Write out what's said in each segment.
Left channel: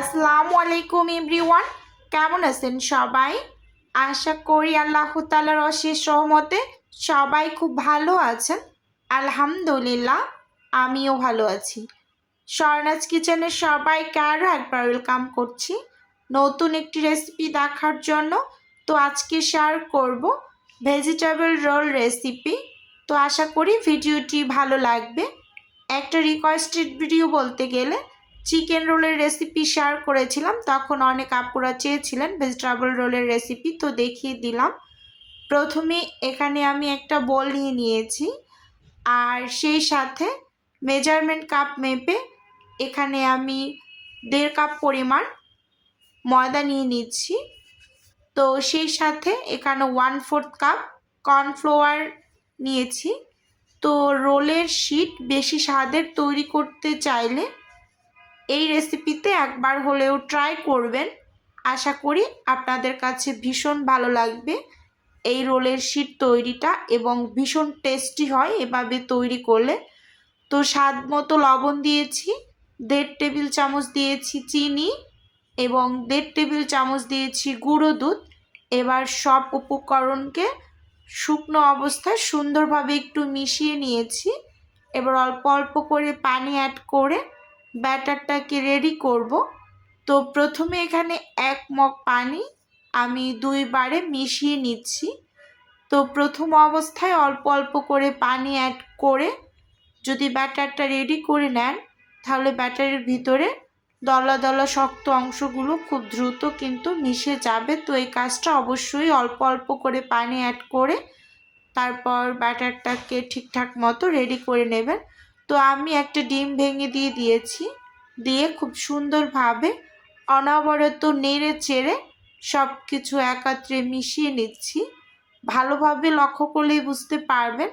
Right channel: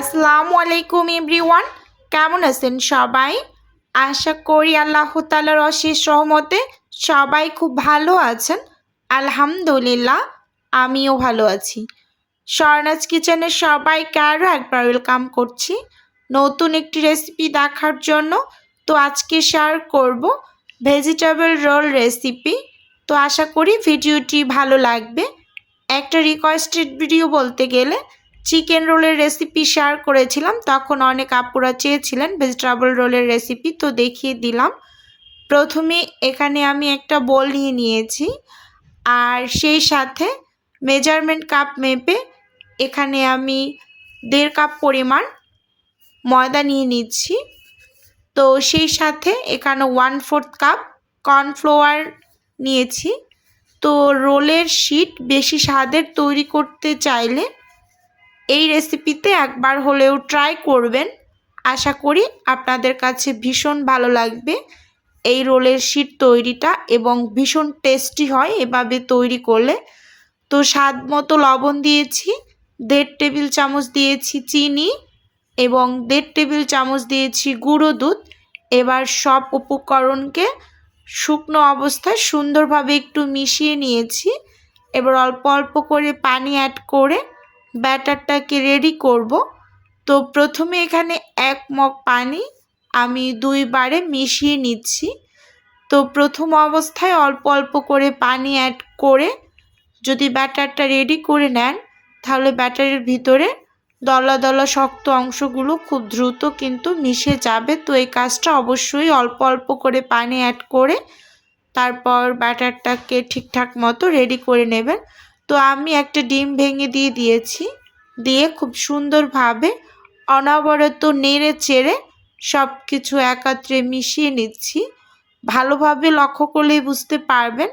আসসালামু আলাইকুম এভরিওয়ান। কেমন আছেন সবাই? আশা করি আল্লাহ তালার অশেষ রহমতে সবাই খুব ভালো আছেন। আলহামদুলিল্লাহ, আমিও ভালো আছি। স্বর্ণাজ কিচেনে সবাইকে আরও একবার ওয়েলকাম করছি। নতুন একটি রেসিপি দেখার জন্য তো আজকে শেয়ার করব ভেজিটেবল রোল রেসিপি। তো আশা করি ভিডিওটি ভালো লাগবে। একটা রিকোয়েস্টেড ভিডিও বলতে গেলে চিকেন রোলের রেসিপি শেয়ার করেছিলাম। তখন অনেক আপুরা চেয়েছিলেন ভেজিটেবল রোলের রেসিপি তো দেখিয়ে দিলাম। প্রথমে এখানে আমি একটা বোল নিয়ে নিয়েছি। আর সেই সাথে মেজারমেন্ট কাপ মেপে এখানে আমি দেড় কাপ পরিমাণ ময়দা নিয়ে নিচ্ছি। তো সেই সাথে এখানে ওয়ান ফোর্থ কাপ কর্নফ্লাওয়ার নিয়েছি। তো রোলের শিট বেশি স্বাদের তৈরি করতে চাইলে এই রেসিপিতে একবার হলেও ট্রাই করবেন। আশা করি আপনাদের কাছে ভীষণ ভালো লাগবে। এই রোলের শিট তৈরিটা এবং ভীষণ টেস্টি হয় এভাবে তৈরি করলে। তো স্বাদ মতো লবণ দিয়েছি, দেড় টেবিল চামচ দিয়েছি চিনি এবং দেড় টেবিল চামচ দিয়েছি গুঁড়ো দুধ। এবার সব উপকরণকে শুকনো অবস্থায় সুন্দরভাবে একটু মিশিয়ে নিয়েছি। এবার অল্প অল্প করে পানি অ্যাড করে ব্যাটারটাকে রেডি করব? তো প্রথমে এখানে এক মগ পানি আমি দুইবারে মিশিয়ে নিচ্ছি। তো প্রথম অবস্থায় অল্প অল্প করে পানি অ্যাড করে যদি ব্যাটারটা রেডি করে নেন, তাহলে ব্যাটারের ভিতরে দলা দলা শক্ত অংশগুলো খুব দ্রুত কিন্তু মিশে যাবে। তো এই কাজটা অবশ্যই অল্প অল্প করে পানি অ্যাড করে তারপর ব্যাটারটাকে ঠিকঠাক মতো রেডি করে নেবেন। তো আমি একটা ডিম ভেঙে দিয়ে দিয়েছি। দিয়ে খুব সুন্দরভাবে অনবরত নেড়ে চেড়ে সব কিছু একত্রে মিশিয়ে নিচ্ছি। ভালোভাবে লক্ষ্য করলেই বুঝতে পারবেন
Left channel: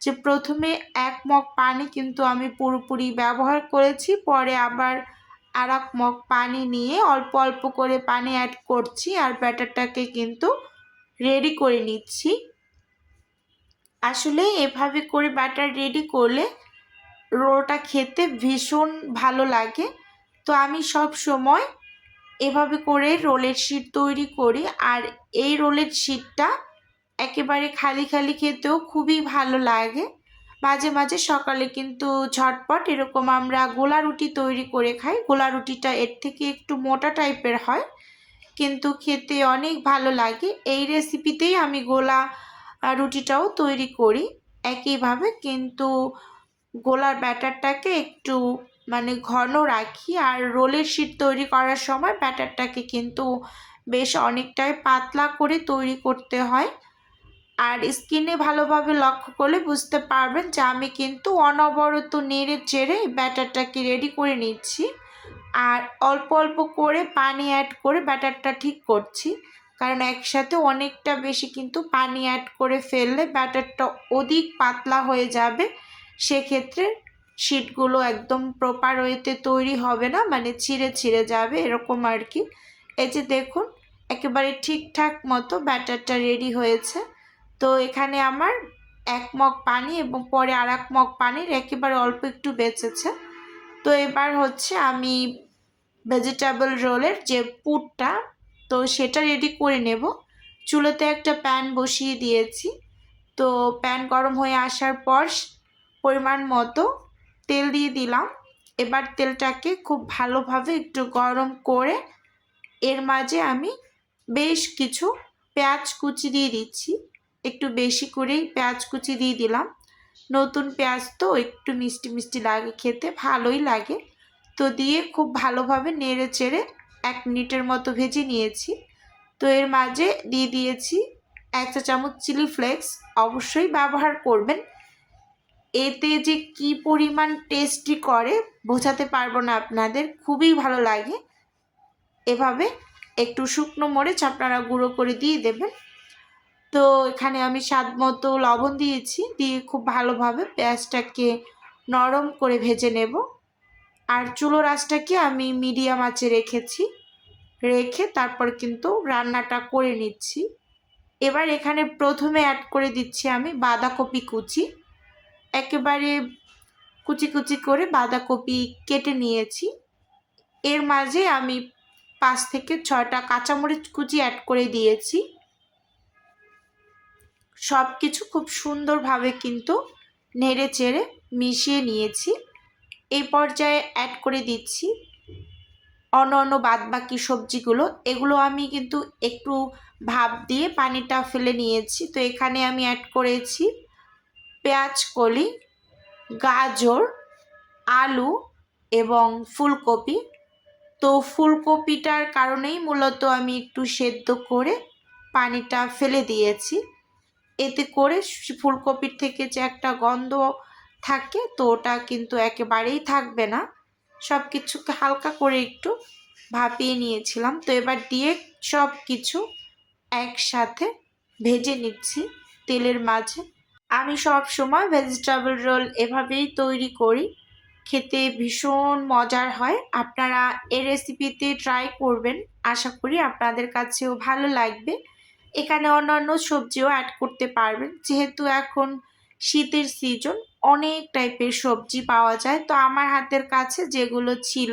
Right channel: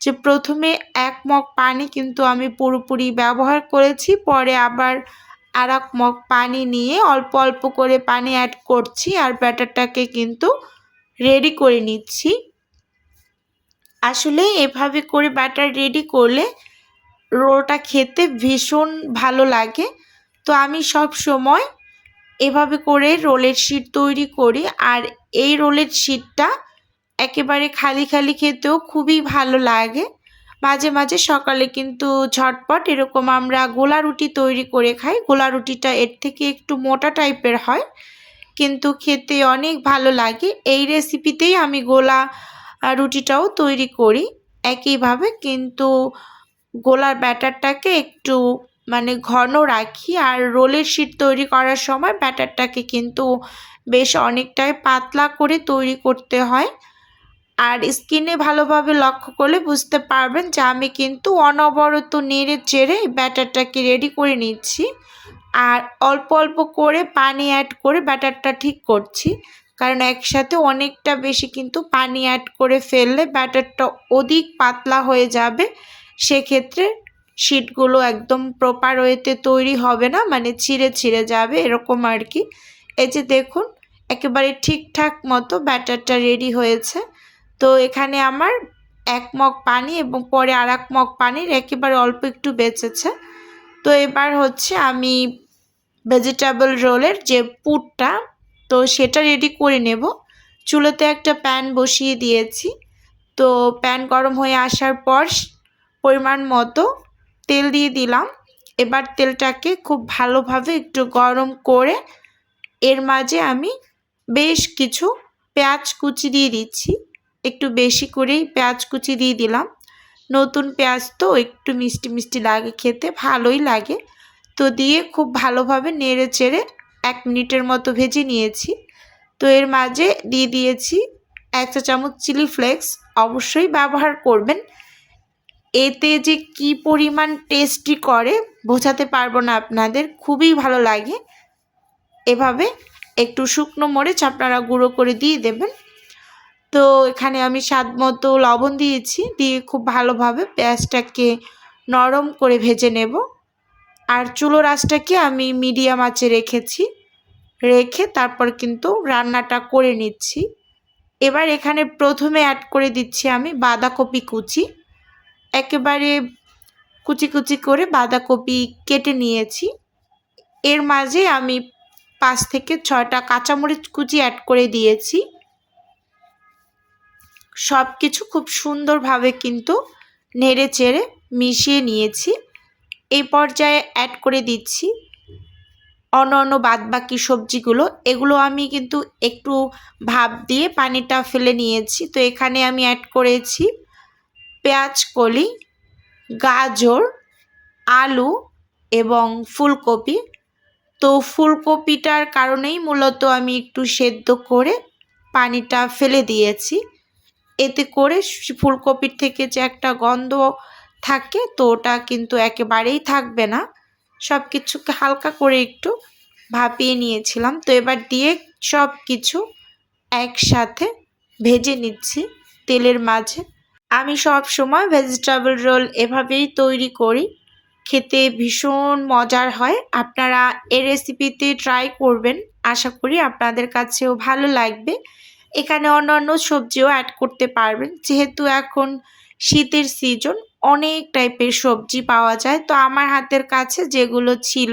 যে প্রথমে এক মগ পানি কিন্তু আমি পুরোপুরি ব্যবহার করেছি, পরে আবার আর এক মগ পানি নিয়ে অল্প অল্প করে পানি অ্যাড করছি আর ব্যাটারটাকে কিন্তু রেডি করে নিচ্ছি। আসলে এভাবে করে ব্যাটার রেডি করলে রোলটা খেতে ভীষণ ভালো লাগে। তো আমি সব সময় এভাবে করে রোলের শিট তৈরি করি আর এই রোলের শিটটা একেবারে খালি খালি খেতেও খুবই ভালো লাগে। মাঝে মাঝে সকালে কিন্তু ঝটপট এরকম আমরা গোলা রুটি তৈরি করে খাই। গোলা রুটিটা এর থেকে একটু মোটা টাইপের হয়, কিন্তু খেতে অনেক ভালো লাগে। এই রেসিপিতেই আমি গোলা রুটিটাও তৈরি করি। একইভাবে কিন্তু গোলার ব্যাটারটাকে একটু মানে ঘন রাখি আর রোলের শিট তৈরি করার সময় ব্যাটারটাকে কিন্তু বেশ অনেকটাই পাতলা করে তৈরি করতে হয়। আর স্কিনে ভালোভাবে লক্ষ্য করলে বুঝতে পারবেন যে আমি কিন্তু অনবরত নেড়ে চেড়ে ব্যাটারটাকে রেডি করে নিচ্ছি। আর অল্প অল্প করে পানি অ্যাড করে ব্যাটারটা ঠিক করছি। কারণ একসাথে অনেকটা বেশি কিন্তু পানি অ্যাড করে ফেললে ব্যাটারটা অধিক পাতলা হয়ে যাবে। সেক্ষেত্রে শিটগুলো একদম প্রপার ওয়েতে তৈরি হবে না মানে ছিঁড়ে ছিঁড়ে যাবে, এরকম আর কি। এই যে দেখুন, একেবারে ঠিকঠাক মতো ব্যাটারটা রেডি হয়েছে। তো এখানে আমার এক মগ পানি এবং পরে আর এক মগ পানির একেবারে অল্প একটু বেঁচেছে। তো এবার হচ্ছে আমি ভেজিটেবল রোলের যে পুরটা, তো সেটা রেডি করে নেব। চুলোতে একটা প্যান বসিয়ে দিয়েছি। তো প্যান গরম হয়ে আসার পর পরিমাণ মতো তেল দিয়ে দিলাম। এবার তেলটাকে খুব ভালোভাবে একটু গরম করে এর মাঝে আমি বেশ কিছু পেঁয়াজ কুচি দিয়ে দিচ্ছি। একটু বেশি করেই পেঁয়াজ কুচি দিয়ে দিলাম। নতুন পেঁয়াজ তো একটু মিষ্টি মিষ্টি লাগে, খেতে ভালোই লাগে। তো দিয়ে খুব ভালোভাবে নেড়ে চেড়ে এক মিনিটের মতো ভেজে নিয়েছি। তো এর মাঝে দিয়ে দিয়েছি এক চা চামচ চিলি ফ্লেক্স। অবশ্যই ব্যবহার করবেন। এতে যে কি পরিমাণ টেস্টি করে বোঝাতে পারব না আপনাদের, খুবই ভালো লাগে। এভাবে একটু শুকনো মরিচ আপনারা গুঁড়ো করে দিয়ে দেবেন। তো এখানে আমি স্বাদ মতো লবণ দিয়েছি, দিয়ে খুব ভালোভাবে পেঁয়াজটাকে নরম করে ভেজে নেব। আর চুলো রাসটাকে আমি মিডিয়াম আঁচে রেখেছি। রেখে তারপর কিন্তু রান্নাটা করে নিচ্ছি। এবার এখানে প্রথমে অ্যাড করে দিচ্ছি আমি বাঁধাকপি কুচি। একেবারে কুচি কুচি করে বাঁধাকপি কেটে নিয়েছি। এর মাঝে আমি পাঁচ থেকে ছয়টা কাঁচামরিচ কুচি অ্যাড করে দিয়েছি। সব কিছু খুব সুন্দরভাবে কিন্তু নেড়ে চেড়ে মিশিয়ে নিয়েছি। এই পর্যায়ে অ্যাড করে দিচ্ছি অন্য অন্য বাদবাকি সবজিগুলো। এগুলো আমি কিন্তু একটু ভাপ দিয়ে পানিটা ফেলে নিয়েছি। তো এখানে আমি অ্যাড করেছি পেঁয়াজ, কলি, গাজর, আলু এবং ফুলকপি। তো ফুলকপিটার কারণেই মূলত আমি একটু সেদ্ধ করে পানিটা ফেলে দিয়েছি। এতে করে ফুলকপির থেকে যে একটা গন্ধ থাকে, তো ওটা কিন্তু একেবারেই থাকবে না। সব কিছুকে হালকা করে একটু ভাপিয়ে নিয়েছিলাম। তো এবার দিয়ে সব কিছু একসাথে ভেজে নিচ্ছি তেলের মাঝে। আমি সব সময় ভেজিটেবল রোল এভাবেই তৈরি করি। খেতে ভীষণ মজার হয়। আপনারা এই রেসিপিতে ট্রাই করবেন। আশা করি আপনাদের কাছেও ভালো লাগবে। এখানে অন্যান্য সবজিও অ্যাড করতে পারবেন। যেহেতু এখন শীতের সিজন অনেক টাইপের সবজি পাওয়া যায়। তো আমার হাতের কাছে যেগুলো ছিল,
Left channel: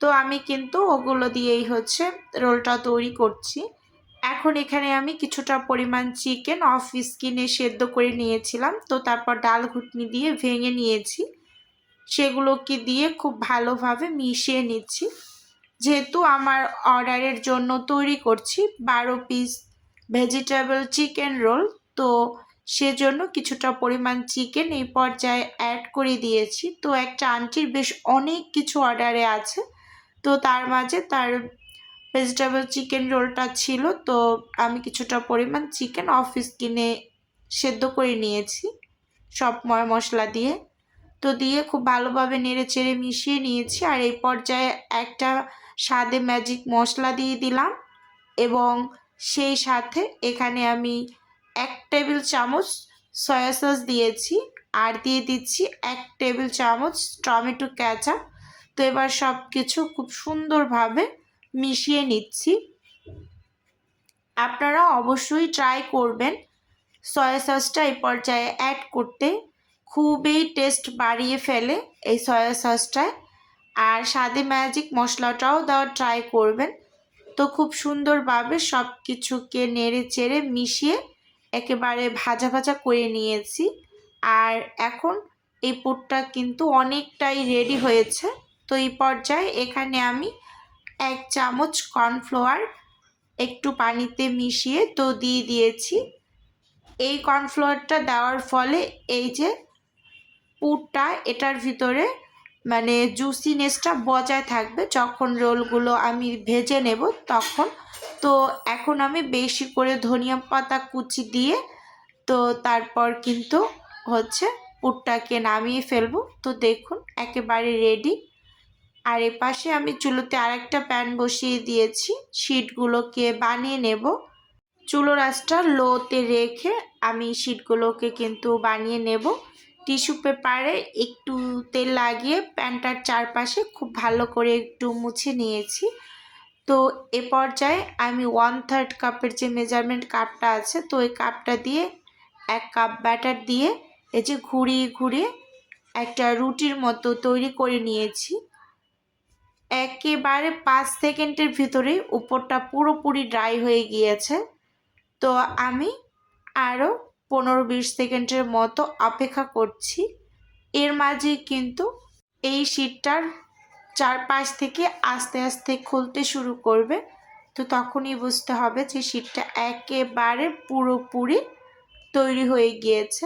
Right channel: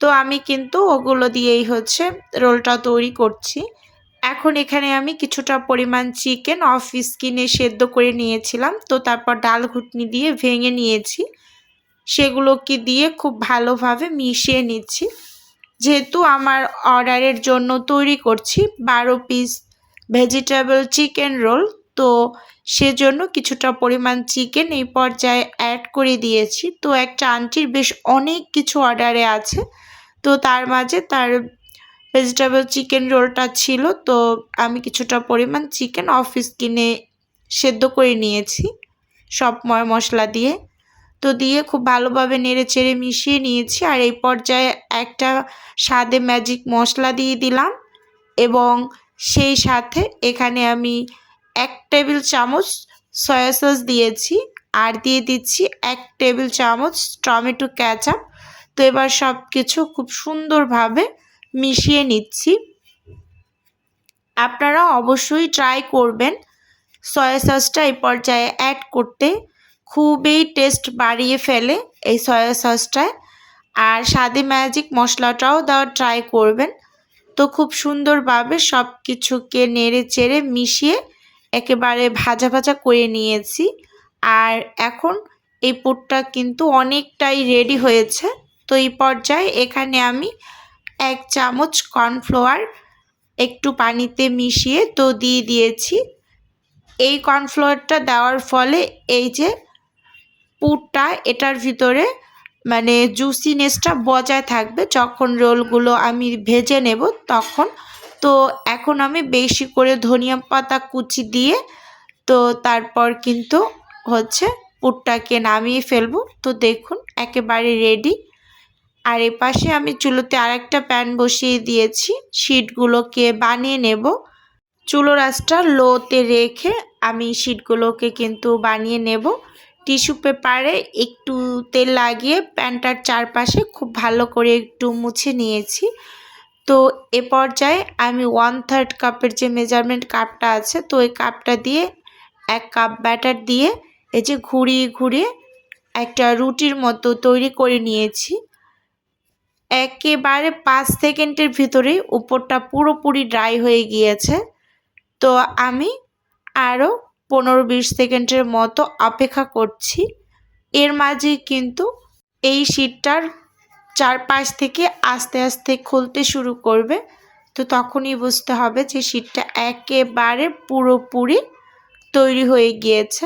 তো আমি কিন্তু ওগুলো দিয়েই হচ্ছে রোলটা তৈরি করছি। এখন এখানে আমি কিছুটা পরিমাণ চিকেন অফ স্কিনে সেদ্ধ করে নিয়েছিলাম। তো তারপর ডাল ঘুটনি দিয়ে ভেঙে নিয়েছি। সেগুলোকে দিয়ে খুব ভালোভাবে মিশিয়ে নিচ্ছি। যেহেতু আমার অর্ডারের জন্য তৈরি করছি বারো পিস ভেজিটেবল চিকেন রোল, তো সেজন্য কিছুটা পরিমাণ চিকেন এই পর্যায়ে অ্যাড করে দিয়েছি। তো একটা আন্টির বেশ অনেক কিছু অর্ডারে আছে। তো তার মাঝে তার ভেজিটেবল চিকেন রোলটা ছিল, তো আমি কিছুটা পরিমাণ চিকেন অফিস কিনে সেদ্ধ করে নিয়েছি সব ময়, মশলা দিয়ে। তো দিয়ে খুব ভালোভাবে নেড়ে চেড়ে মিশিয়ে নিয়েছি আর এই পর্যায়ে একটা স্বাদে ম্যাজিক মশলা দিয়ে দিলাম এবং সেই সাথে এখানে আমি এক টেবিল চামচ সয়া সস দিয়েছি আর দিয়ে দিচ্ছি এক টেবিল চামচ টমেটো ক্যাচাপ তো এবার সব কিছু খুব সুন্দরভাবে মিশিয়ে নিচ্ছি। আপনারা অবশ্যই ট্রাই করবেন। সয়া সসটা এই পর্যায়ে অ্যাড করতে। খুবই টেস্ট বাড়িয়ে ফেলে এই সয়া সসটায় আর স্বাদে ম্যাজিক মশলাটাও দেওয়ার ট্রাই করবেন। তো খুব সুন্দরভাবে সব কিছুকে নেড়ে চেড়ে মিশিয়ে একেবারে ভাজা ভাজা করে নিয়েছি। আর এখন এই পুরটা কিন্তু অনেকটাই রেডি হয়েছে। তো এই পর্যায়ে এখানে আমি এক চামচ কর্নফ্লাওয়ার একটু পানিতে মিশিয়ে তো দিয়ে দিয়েছি। এই কর্নফ্লাওয়ারটা দেওয়ার ফলে এই যে পুরটা, এটার ভিতরে মানে জুসিনেসটা বজায় থাকবে। যখন রোলগুলো আমি ভেজে নেব তখন। তো এখন আমি বেশি করে ধনিয়া পাতা কুচি দিয়ে তো তারপর কিন্তু হচ্ছে পুরটাকে নামিয়ে ফেলব। তো দেখুন, একেবারে রেডি আর এ পাশে আমি চুলোতে আরেকটা প্যান বসিয়ে দিয়েছি। শিটগুলোকে বানিয়ে নেব। চুলো রাসটা লোতে রেখে আমি শিটগুলোকে কিন্তু বানিয়ে নেব। টিস্যু পেপারে একটু তেল লাগিয়ে প্যানটার চারপাশে খুব ভালো করে একটু মুছে নিয়েছি। তো এ পর্যায়ে আমি ওয়ান থার্ড কাপের যে মেজারমেন্ট কাপটা আছে, তো ওই কাপটা দিয়ে এক কাপ ব্যাটার দিয়ে এই যে ঘুরিয়ে ঘুরিয়ে একটা রুটির মতো তৈরি করে নিয়েছি। একেবারে পাঁচ সেকেন্ডের ভিতরেই উপরটা পুরোপুরি ড্রাই হয়ে গিয়েছে। তো আমি আরও পনেরো বিশ সেকেন্ডের মতো অপেক্ষা করছি। এর মাঝে কিন্তু এই শীটটার চারপাশ থেকে আস্তে আস্তে খুলতে শুরু করবে। তো তখনই বুঝতে হবে যে শীটটা একেবারে পুরোপুরি তৈরি হয়ে গিয়েছে।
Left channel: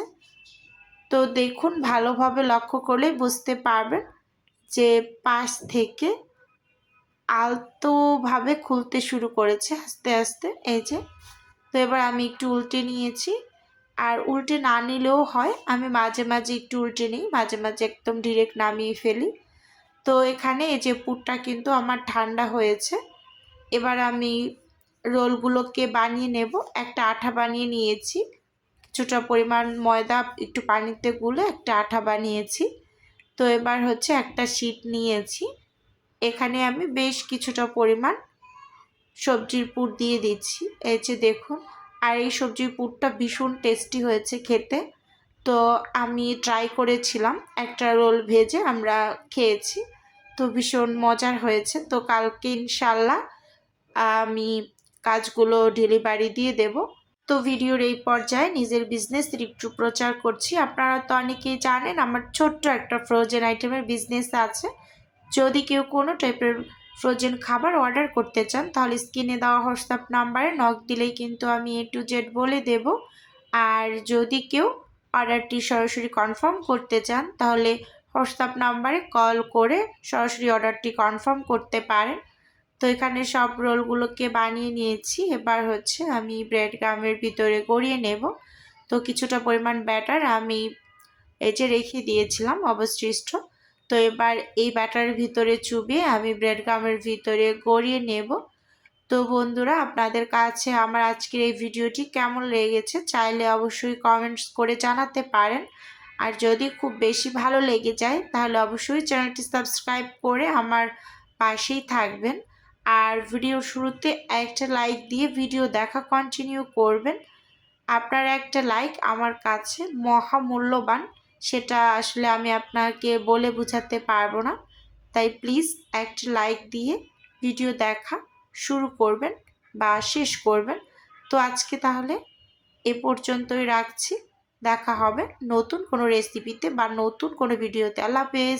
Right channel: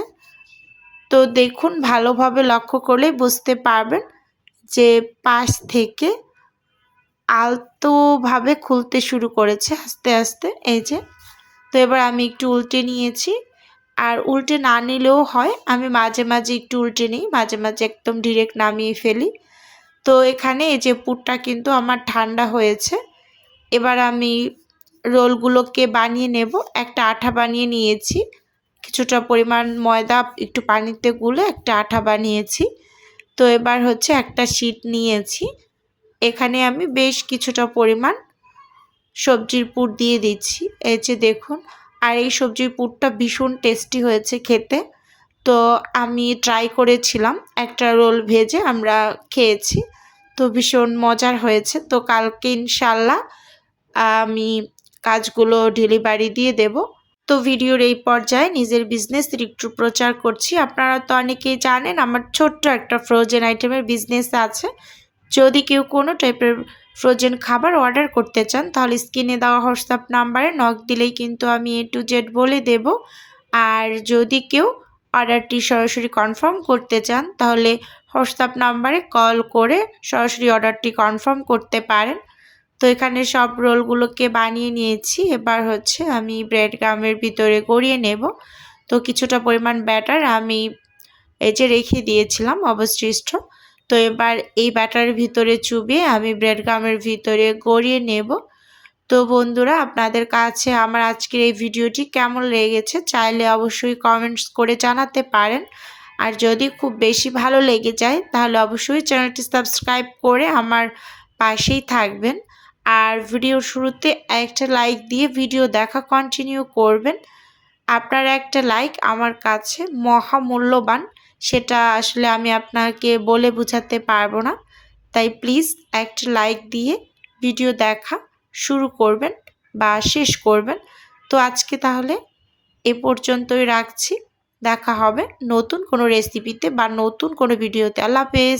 তো দেখুন, ভালোভাবে লক্ষ্য করলে বুঝতে পারবেন যে পাশ থেকে আলতোভাবে খুলতে শুরু করেছে আস্তে আস্তে, এই যে। তো এবার আমি একটু উল্টে নিয়েছি। আর উল্টে না নিলেও হয়, আমি মাঝে মাঝে একটু উল্টে নিই, মাঝে মাঝে একদম ডিরেক্ট নামিয়ে ফেলি। তো এখানে এই যে পুরটা কিন্তু আমার ঠান্ডা হয়েছে। এবার আমি রোলগুলোকে বানিয়ে নেব। একটা আঠা বানিয়ে নিয়েছি। কিছুটা পরিমাণ ময়দা, একটু পানিতে গুলে একটা আঠা বানিয়েছি। তো এবার হচ্ছে একটা শিট নিয়েছি। এখানে আমি বেশ কিছুটা পরিমাণ সবজির পুর দিয়ে দিচ্ছি। এই যে দেখুন, আর এই সবজির পুরটা ভীষণ টেস্টি হয়েছে খেতে। তো আমি ট্রাই করেছিলাম, একটা রোল ভেজে আমরা খেয়েছি। তো ভীষণ মজার হয়েছে। তো কালকে ইনশাল্লাহ আমি কাজগুলো ডেলিভারি দিয়ে দেব। তো ভিডিওর এই পর্যায়ে নিজের বিজনেসের একটু প্রচার করছি। আপনারা তো অনেকেই জানেন, আমার ছোট্ট একটা ফ্রোজেন আইটেমের বিজনেস আছে। যদি কেউ কোনো টাইপের ফ্রোজেন খাবার অর্ডার করতে চান, তাহলে স্ক্রিনে দেওয়া হোয়াটসঅ্যাপ নাম্বারে নক দিলেই কিন্তু আমি এ টু জেড বলে দেব। আর যদি কেউ অর্ডারটি সরাসরি কনফার্ম করতে চান, তাহলে হোয়াটসঅ্যাপ নাম্বারে কল করে সরাসরি অর্ডারটি কনফার্ম করতে পারেন। তো এখানে সব রোলগুলোকে বানিয়ে নিয়েছি। এবার হচ্ছে আমি ব্রেড গ্রামের ভিতরে গড়িয়ে নেব। তো কিছুটা পরিমাণ ব্যাটার আমি এই যে রেখে দিয়েছিলাম, অবশিষ্ট। তো এবার এই ব্যাটার ভিতরে চুবিয়ে আমি ব্রেড গামের ভিতরে গড়িয়ে নেব। তো বন্ধুরা, আপনাদের কাছে আমার আজকের এই ভিডিওটি কেমন লেগেছে চাইলে অবশ্যই কমেন্টস করে জানাতে পারেন। আর যদি খুব বেশি ভালো লেগে যায়, তাহলে অবশ্যই চ্যানেলটি সাবস্ক্রাইব করে আমার পাশেই থাকবেন। আর ভিডিওর শুরুতে একটা লাইক দিয়ে ভিডিও দেখা কন্টিনিউ করবেন। আপনার একটা লাইক আমার কাছে মহামূল্যবান। সেটা আসলে আমি আপনাকে বলে বুঝাতে পারব না। তাই প্লিজ একটা লাইক দিয়ে ভিডিও দেখা শুরু করবেন বা শেষ করবেন। তো আজকে তাহলে এ পর্যন্তই রাখছি। দেখা হবে নতুন কোনো রেসিপিতে বা নতুন কোনো ভিডিওতে আল্লাহ হাফেজ।